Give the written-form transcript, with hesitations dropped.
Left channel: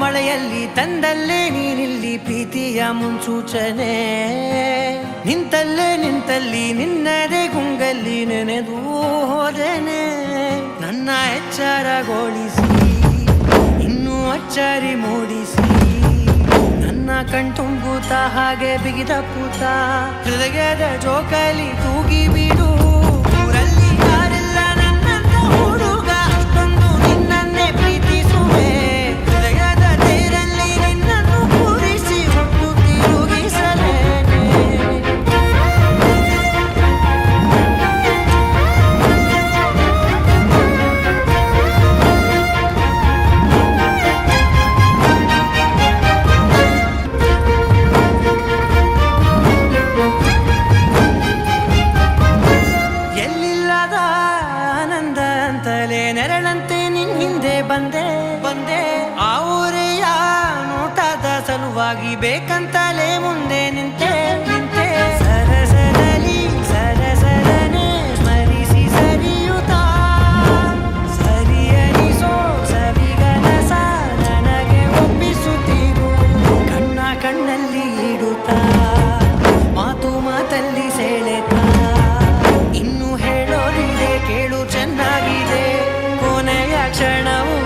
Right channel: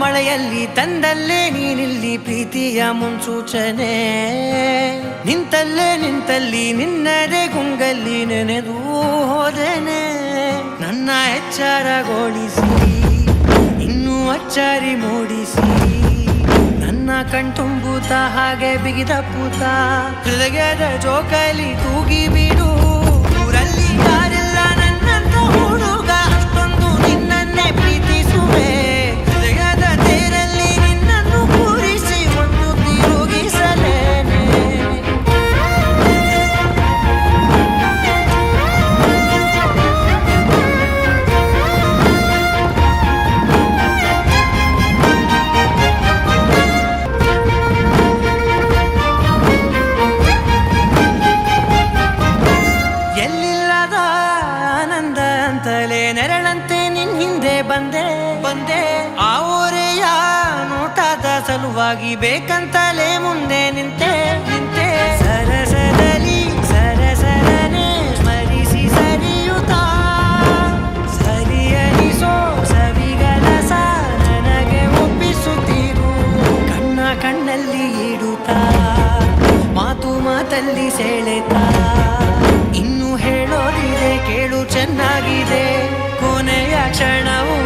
ಮಳೆಯಲ್ಲಿ ತಂದಲ್ಲೇ ನೀನಿಲ್ಲಿ ಪ್ರೀತಿಯ ಮುನ್ಸೂಚನೆ, ನಿಂತಲ್ಲಿ ನಿನ್ನದೇ ಗುಂಗಲ್ಲಿ ನೆನೆದು ಹೋದೆನೆ. ನನ್ನ ಎಚ್ಚರಗೊಳಿಸಿ ಇನ್ನೂ ಅಚ್ಚರಿ ಮೂಡಿಸಿ, ನನ್ನ ಕಣ್ತುಂಬುತ್ತ ಹಾಗೆ ಬಿಗಿದ ಪೂತ ಹೃದಯದ ಜೋಕಾಲಿ ತೂಗಿ ಬಿಡು. ಊರಲ್ಲಿ ಯಾರಿಲ್ಲ ನನ್ನಂತ ಹುಡುಗ, ಅಷ್ಟೊಂದು ನಿನ್ನನ್ನೇ ಪ್ರೀತಿಸುವೆ. ಹೃದಯದ ತೇರಲ್ಲಿ ನಿನ್ನನ್ನು ಕೂರಿಸಿ ಹೊತ್ತು ತಿರುಗಿಸಲೇನೆ. ಎಲ್ಲಿಲ್ಲದ ಆನಂದ ಅಂತಲೇ ನೆರಳಂತೆ ನಿನ್ ಹಿಂದೆ ಬಂದೆ. ಆ ಊರೆಯ ನೋಟದ ಸಲುವಾಗಿ ಬೇಕಂತಲೇ ಮುಂದೆ ನಿಂತೆ. ಸರಸರನೆ ಸ್ಮರಿಸಿ ಸರಿಯುತ್ತಾ, ಸರಿಯನಿಸೋ ಸವಿಗನಸ ನನಗೆ ಒಪ್ಪಿಸುತ್ತೀರು. ಕಣ್ಣಲ್ಲಿ ಇಡುತ್ತಾ, ಮಾತಲ್ಲಿ ಸೆಳೆತಾ, ಇನ್ನು ಹೇಳೋದಿದೆ ಕೇಳು ಚೆನ್ನಾಗಿದೆ. ಕೊನೆಯ ಕ್ಷಣವು